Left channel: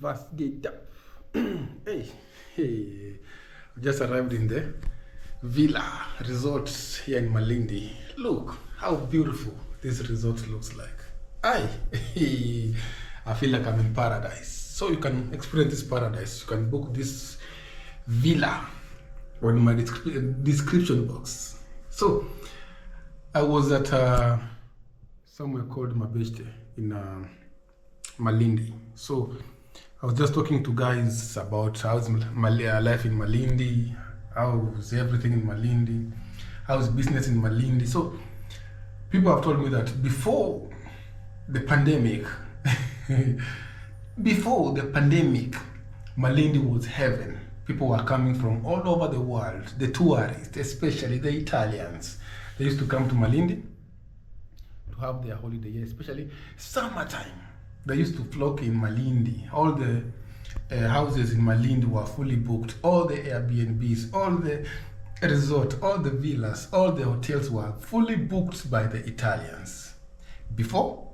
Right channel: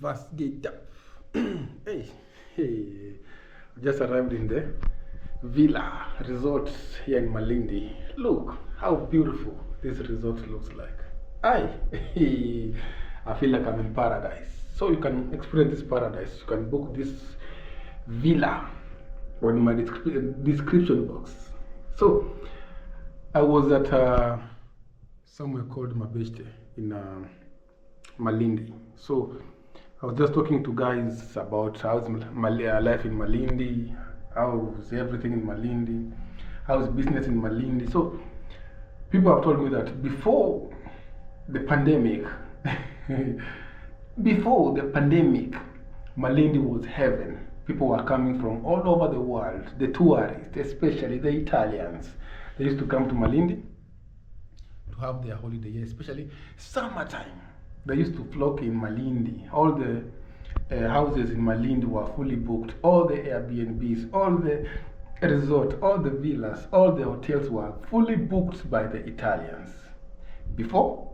Vasgeta. Hey, hey, just arrived in the villa resort here in Malindi. Look how beautiful this resort looks like. I, I feel like I'm in paradise. So you can experience this paradise. You can book this villa on my description box. So I was at somewhere called Mabeshte in Malindi. So I was just talking to guys about how's life in Malindi, how's everything in Malindi, how's business in Malindi. So people have told me that before the pandemic, before the pandemic, Malindi was heaven. People were coming from all over the world, the tourists, especially the Italians. They used to come to Malindi to have their holiday here, especially summertime. They used to flock in Malindi. All the houses in Malindi were fully booked. All the Airbnbs, all the resort, all the villas, all the hotels were fully booked by the Italians before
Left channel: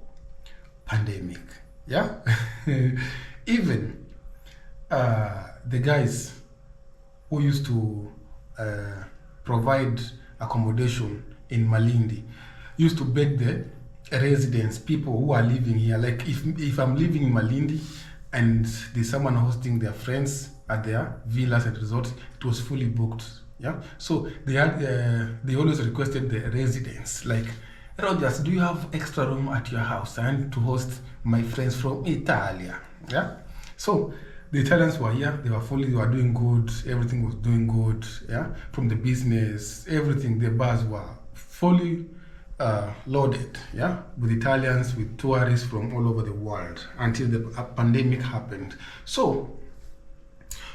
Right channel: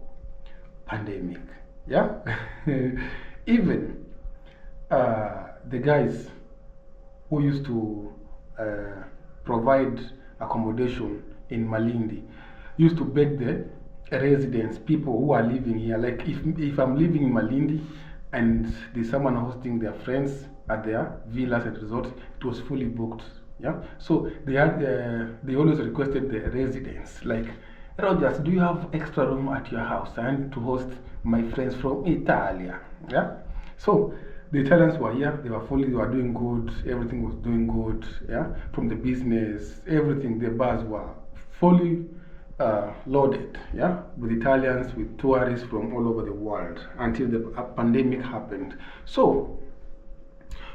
pandemic. Yeah, even the guys who used to provide accommodation in Malindi used to beg the residents, people who are living here, like if I'm living in Malindi and there's someone hosting their friends at their villas and resorts, it was fully booked. Yeah, so they had they always requested the residents, like, Rogers, do you have extra room at your house? I want to host my friends from Italia. Yeah, so the Italians were here, they were doing good, everything was doing good. Yeah, from the business, everything, the bars were fully loaded, yeah, with Italians, with tourists from all over the world until the pandemic happened. So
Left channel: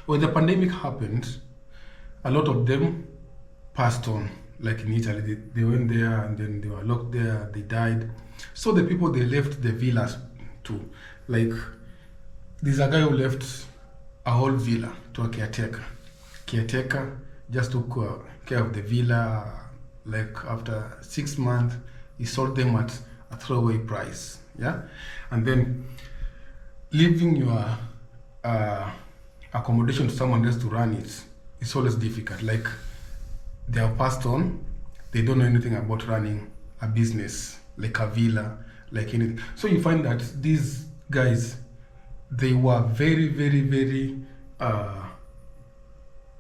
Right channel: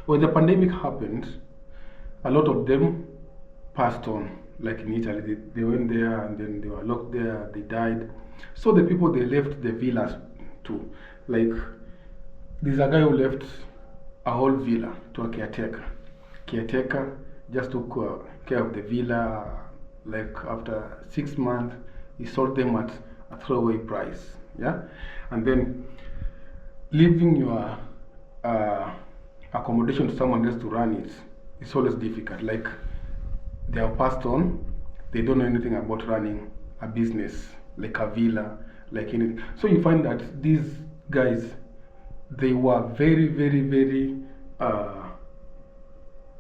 when the pandemic happened, a lot of them passed on. Like in Italy, they went there and then they were locked there, they died. So the people, they left the villas too. Like, there's a guy who left a whole villa to a caretaker. Caretaker just took care of the villa. Like after 6 months, he sold them at a throwaway price. Yeah, and then leaving your accommodation to someone else to run it, it's always difficult. Like, they have passed on, they don't know anything about running a business, like a villa, like anything. So you find that these guys, they were very, very, very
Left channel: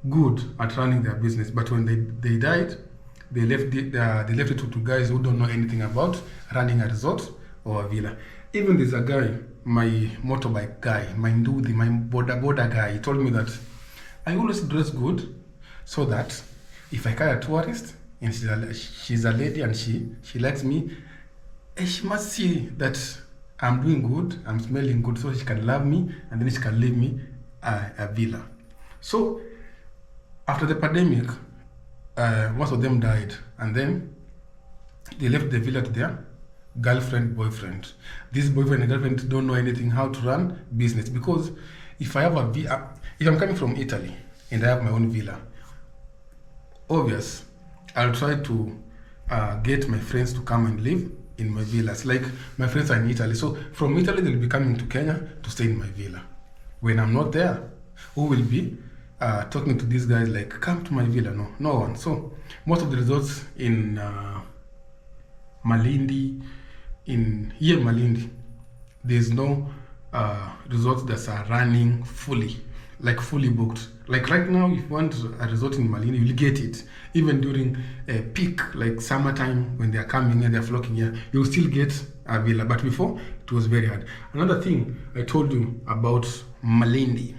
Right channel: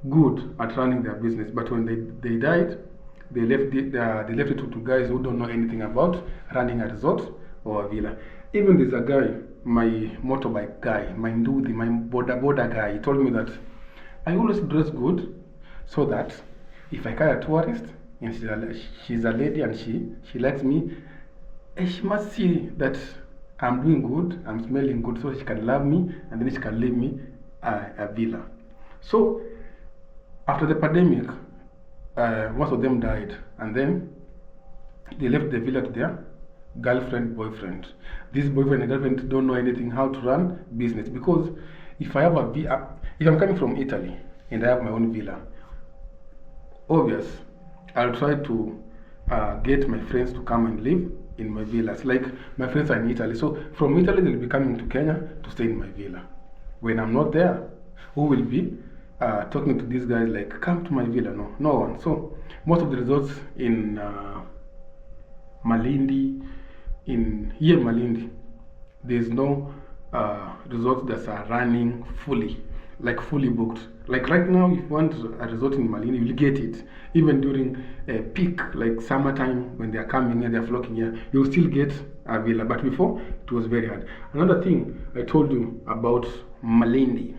good at running their business. But when they died, they left it to guys who don't know anything about running a resort or a villa. Even there's a guy, my motorbike guy, my ndudi, my border guy, he told me that I always dress good so that if I carry a tourist and she's a lady and she likes me, she must see that I'm doing good, I'm smelling good, so she can love me and then she can leave me a villa. So after the pandemic, most of them died, and then they left the villa to their girlfriend, boyfriend. This boyfriend and girlfriend don't know anything how to run business, because if I have if I'm coming from Italy and I have my own villa, obvious, I'll try to get my friends to come and live in my villas. Like, my friends are in Italy, so from Italy they'll be coming to Kenya to stay in my villa. When I'm not there, who will be talking to these guys like, come to my villa? No one. So most of the resorts in Malindi, Malindi, there's no resorts that are running fully, like fully booked. Like right now, if you want a resort in Malindi, you'll get it. Even during peak, like summertime, when they're coming here, they're flocking here, you'll still get a villa. But before, it was very hard. Another thing I told you about Malindi,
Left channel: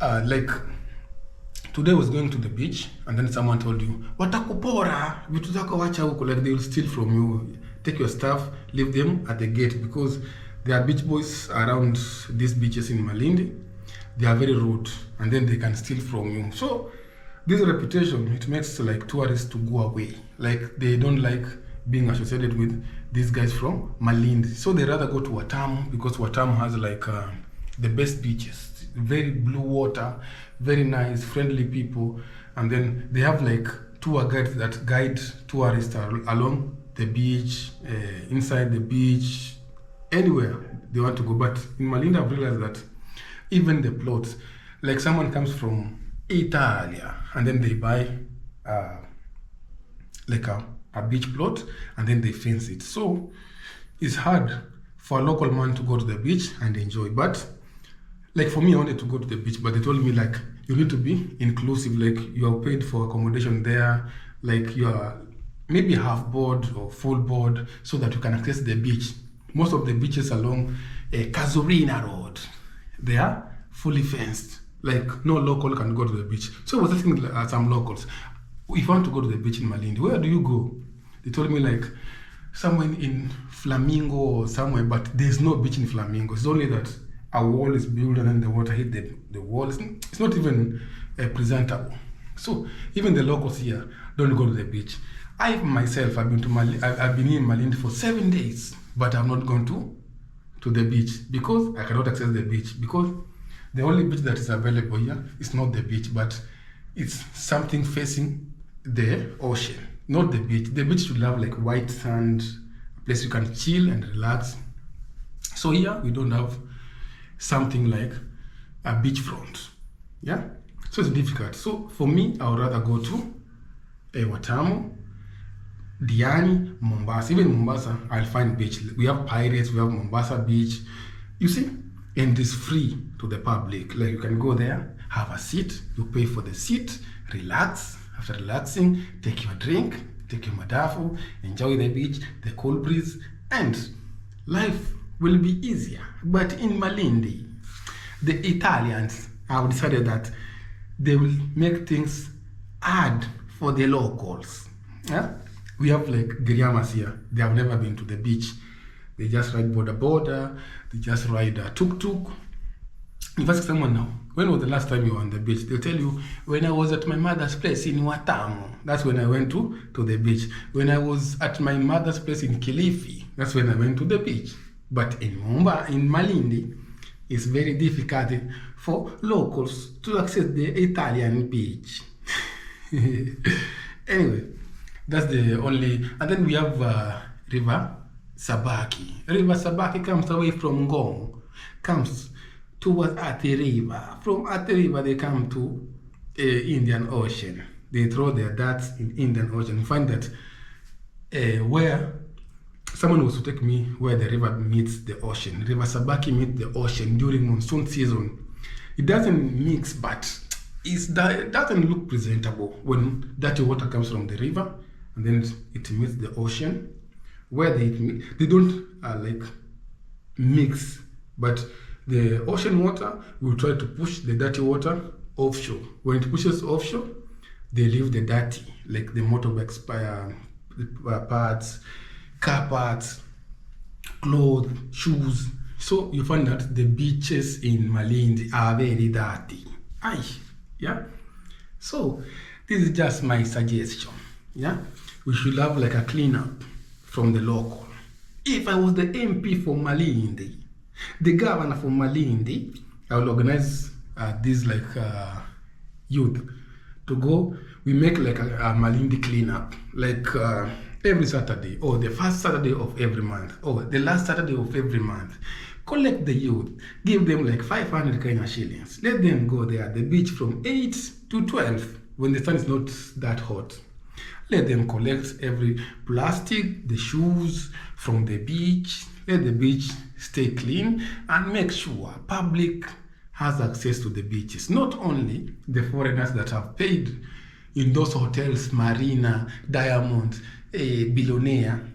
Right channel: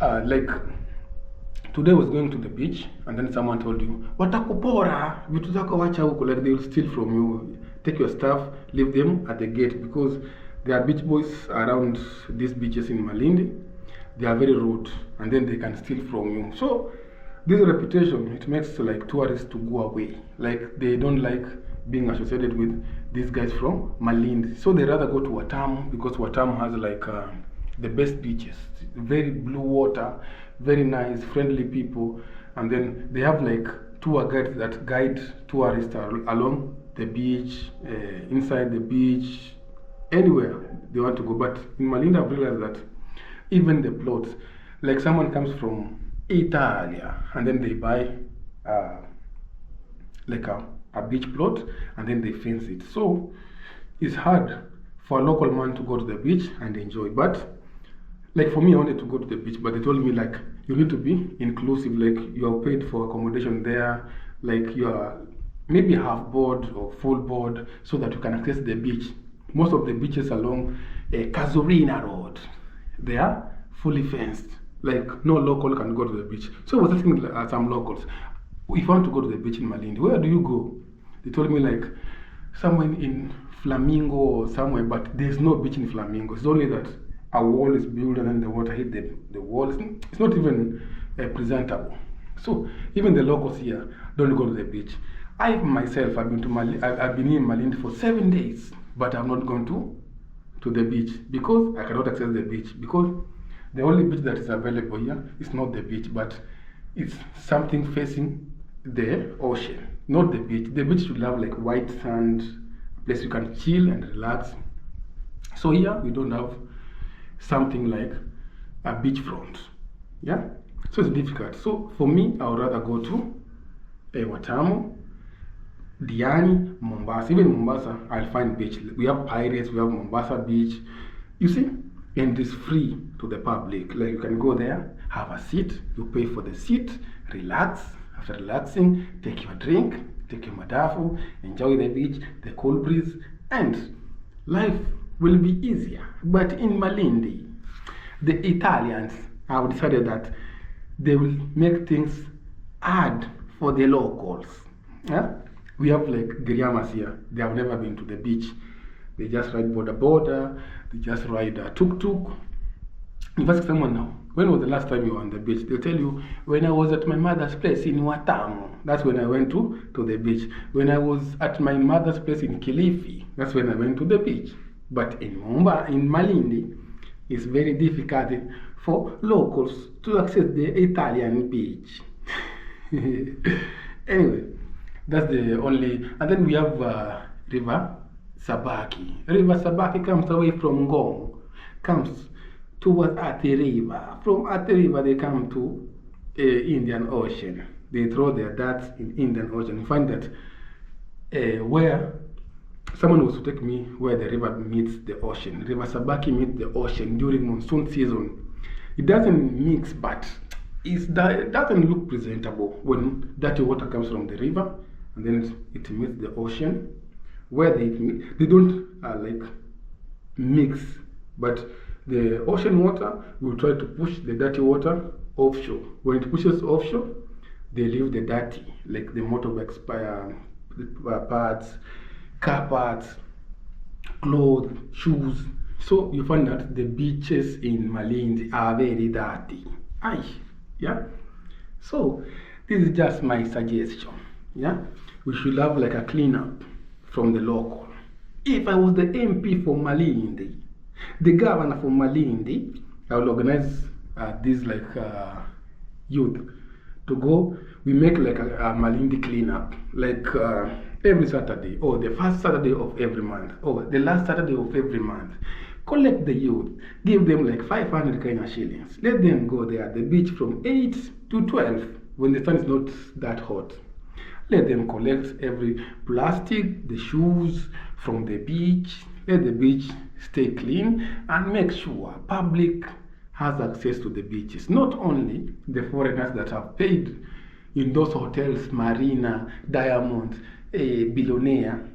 like, today I was going to the beach, and then someone told you, watakupora, vitu zako wacha huko, like they will steal from you. Take your stuff, leave them at the gate, because there are beach boys around these beaches in Malindi. They are very rude, and then they can steal from you. So this reputation, it makes like tourists to go away. Like, they don't like being associated with these guys from Malindi. So they rather go to Watamu, because Watamu has like the best beaches, very blue water, very nice, friendly people. And then they have like tour guides that guide tourists along the beach, inside the beach, anywhere they want to go. But in Malindi, I've realized that Even the plots, like someone comes from Italia and then they buy uh, like a beach plot and then they fence it. So it's hard for a local man to go to the beach and enjoy. But like for me, I wanted to go to the beach, but they told me like you need to be inclusive, like you are paid for accommodation there, like you are maybe half board or full board so that you can access the beach. Most of the beaches along Casuarina Road, they are fully fenced. Like no local can go to the beach. So I was asking some locals, if you want to go to the beach in Malindi, where do you go? They told me like somewhere in Flamingo or somewhere, but there's no beach in Flamingo. It's only that a wall is built and then the water hit the wall. It's not even presentable. So even the locals here don't go to the beach. I myself, I've been to I've been in Malindi for 7 days, but I've not gone to the beach because I cannot access the beach, because the only beach that is available here is not the beach, but it's something facing the ocean, not the beach. The beach should have like white sand, a place you can chill and relax. So here we don't have something like a beachfront. Yeah, so it's difficult. So for me, I would rather go to Watamu, Diani, Mombasa. Even Mombasa, I'll find beach. We have Pirates, we have Mombasa Beach. You see, and it's free to the public. Like you can go there, have a seat, you pay for the seat, relax. After relaxing, take your drink, take your madafu, enjoy the beach, the cool breeze, and life will be easier. But in Malindi, the Italians have decided that they will make things hard for the locals. Yeah? We have like Giriamas here. They have never been to the beach. They just ride border, they just ride a tuk-tuk. If you ask someone now, when was the last time you were on the beach? They'll tell you, when I was at my mother's place in Watamu, that's when I went to the beach. When I was at my mother's place in Kilifi, that's when I went to the beach. But in Malindi, it's very difficult for locals to access the Italian beach. Anyway, that's the only. And then we have River Sabaki. River Sabaki comes away from Ngong, comes towards Athi River. From Athi River, they come to Indian Ocean. They throw their darts in Indian Ocean. You find that where someone was to take me where the river meets the ocean. River Sabaki meets the ocean during monsoon season. It doesn't mix, but it doesn't look presentable when dirty water comes from the river and then it meets the ocean. Where they don't like mix, but the ocean water will try to push the dirty water offshore. When it pushes offshore, they leave the dirty, like the motorbike parts, car parts, clothes, shoes. So you find that the beaches in Malindi are very dirty. Yeah. So this is just my suggestion. Yeah, we should have like a cleanup from the local. If I was the MP for Malindi, the governor for Malindi, I will organize this like youth to go. We make like a Malindi cleanup, like every Saturday, or the first Saturday of every month, or the last Saturday of every month. Collect the youth, give them like 500 Kenya shillings. Let them go there at the beach from 8 to 12 when the sun is not that hot. Let them collect every plastic, the shoes from the beach. Let the beach stay clean and make sure public has access to the beaches. Not only the foreigners that have paid in those hotels, Marina, Diamond, Billionaire,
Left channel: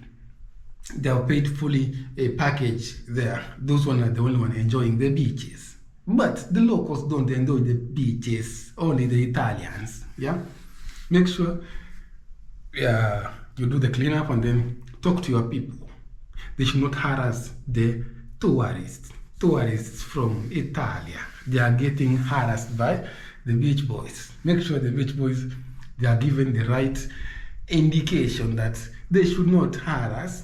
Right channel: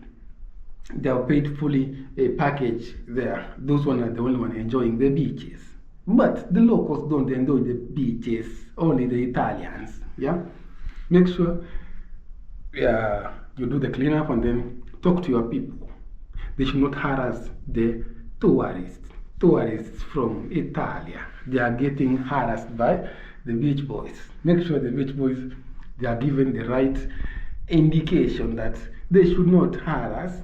they are paid fully a package there. Those ones are the only one enjoying the beaches. But the locals don't enjoy the beaches, only the Italians. Yeah? Make sure you do the cleanup and then talk to your people. They should not harass the tourists from Italia. They are getting harassed by the beach boys. Make sure the beach boys, they are given the right indication that they should not harass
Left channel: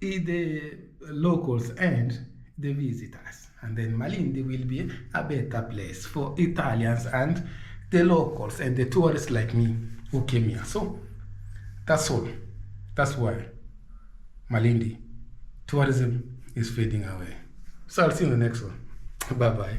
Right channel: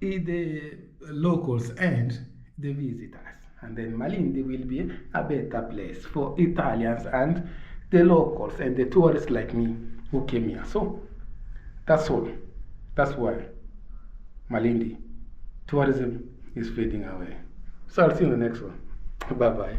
the locals and the visitors. And then Malindi will be a better place for Italians and the locals and the tourists like me who came here. So that's all. That's why Malindi tourism is fading away. So I'll see you in the next one. Bye-bye.